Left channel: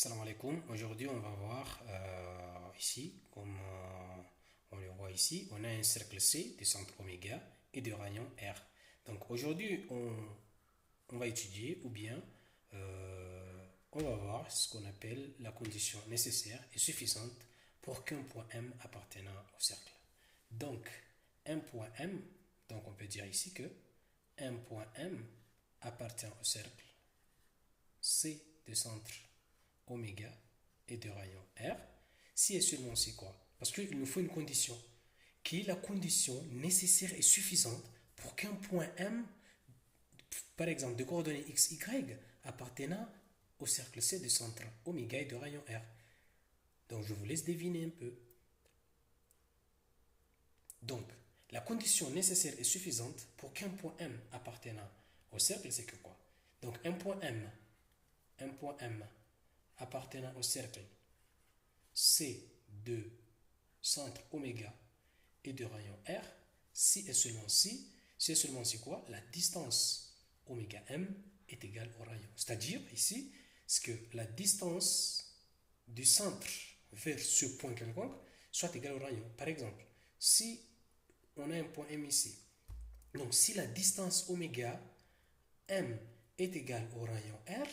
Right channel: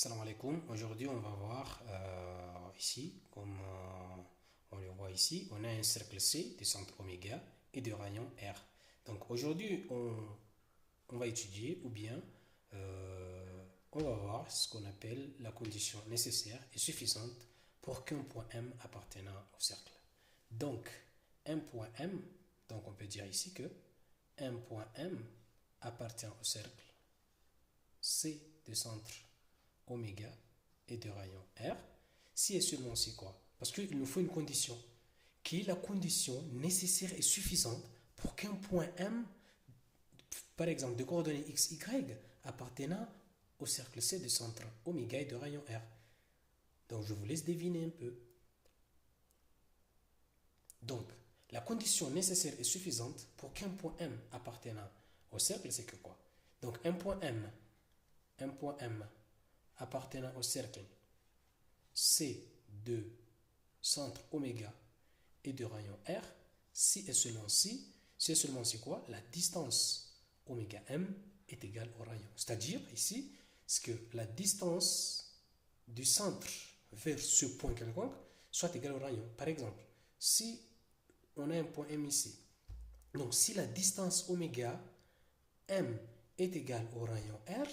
Salam alaikum. Aujourd'hui, on va voir ici, comme on le voit ici, on a un cercle C de centre oméga et de rayon R. Donc aujourd'hui, on va étudier ou bien on va voir ce qu'on appelle la condition nécessaire et suffisante pour qu'un point M appartenant au cercle. Donc, un point M, donc on peut dire ici que un point M appartient au cercle C de centre oméga et de rayon R, si et seulement si quoi? Parce qu'il nous faut une condition, qui est la condition nécessaire et suffisante pour qu'un point M, par exemple de coordonnées x, y, appartenant au cercle C de centre oméga et de rayon R. Donc je vous laisse deviner un peu. Donc, la condition nécessaire et suffisante pour qu'un point M appartenant au cercle, c'est que quoi? Donc un point M appartenant au cercle C de centre oméga et de rayon R, si et seulement si, c'est seulement si quoi? La distance oméga M est égale au rayon. C'est-à-dire ici, c'est que la distance du centre vers ce point quelconque soit égale au rayon. Par exemple, si on a un point M ici, donc si la distance oméga M est égale au rayon R,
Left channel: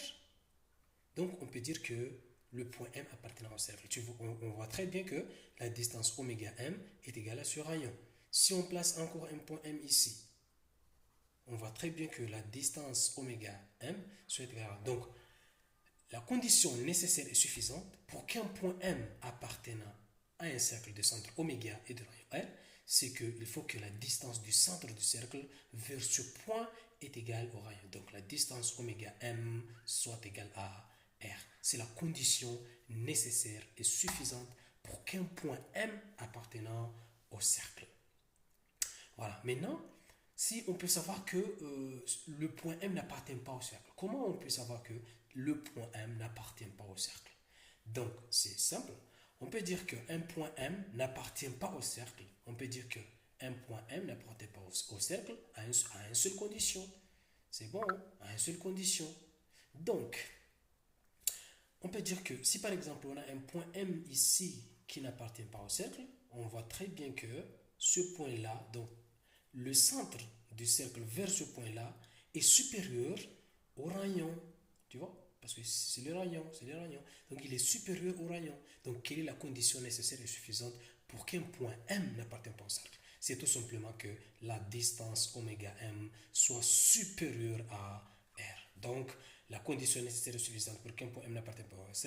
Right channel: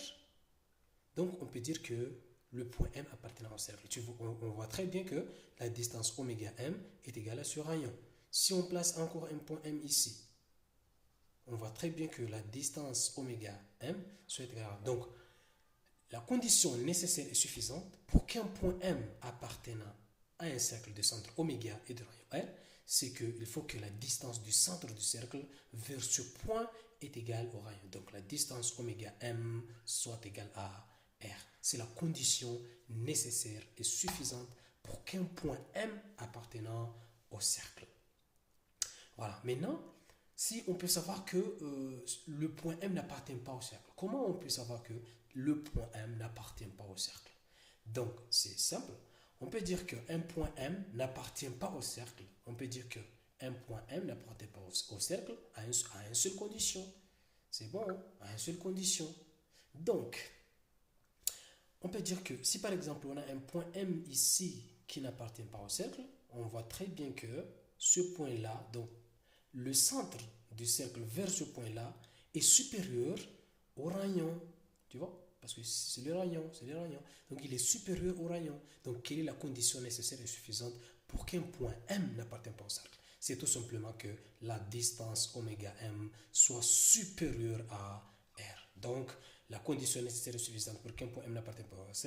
donc on peut dire que le point M appartenant au cercle. On voit très bien que la distance oméga M est égale à ce rayon. Si on place encore un point M ici, on voit très bien que la distance oméga M soit égale à... Donc, la condition nécessaire et suffisante pour qu'un point M appartenant à un cercle de centre oméga et de rayon R, c'est qu'il faut que la distance du centre du cercle vers ce point est égale au rayon. Donc, la distance oméga M soit égale à R. C'est la condition nécessaire et suffisante pour qu'un point M appartenant au cercle. Voilà. Maintenant, si on peut savoir que le point M n'appartient pas au cercle, comment on peut savoir que le point M n'appartient pas au cercle? Donc, c'est simple. On peut dire qu'un point M n'appartient pas au cercle. On peut dire qu'un point M n'appartient pas au cercle à une seule condition. C'est bon, hein? À une seule condition. Donc, on peut dire que si par exemple on a un point M ici qui n'appartient pas au cercle, on voit très bien que ce point-là, donc le centre du cercle vers ce point-là, est supérieur au rayon. Tu vois? Parce que c'est le rayon, c'est le rayon. Donc il est supérieur au rayon. Donc quelle est la condition nécessaire et suffisante pour qu'un point M n'appartienne pas au cercle? C'est tout simplement que la distance oméga M soit supérieure à R. Donc la condition nécessaire et suffisante pour qu'un point M n'appartienne pas au cercle,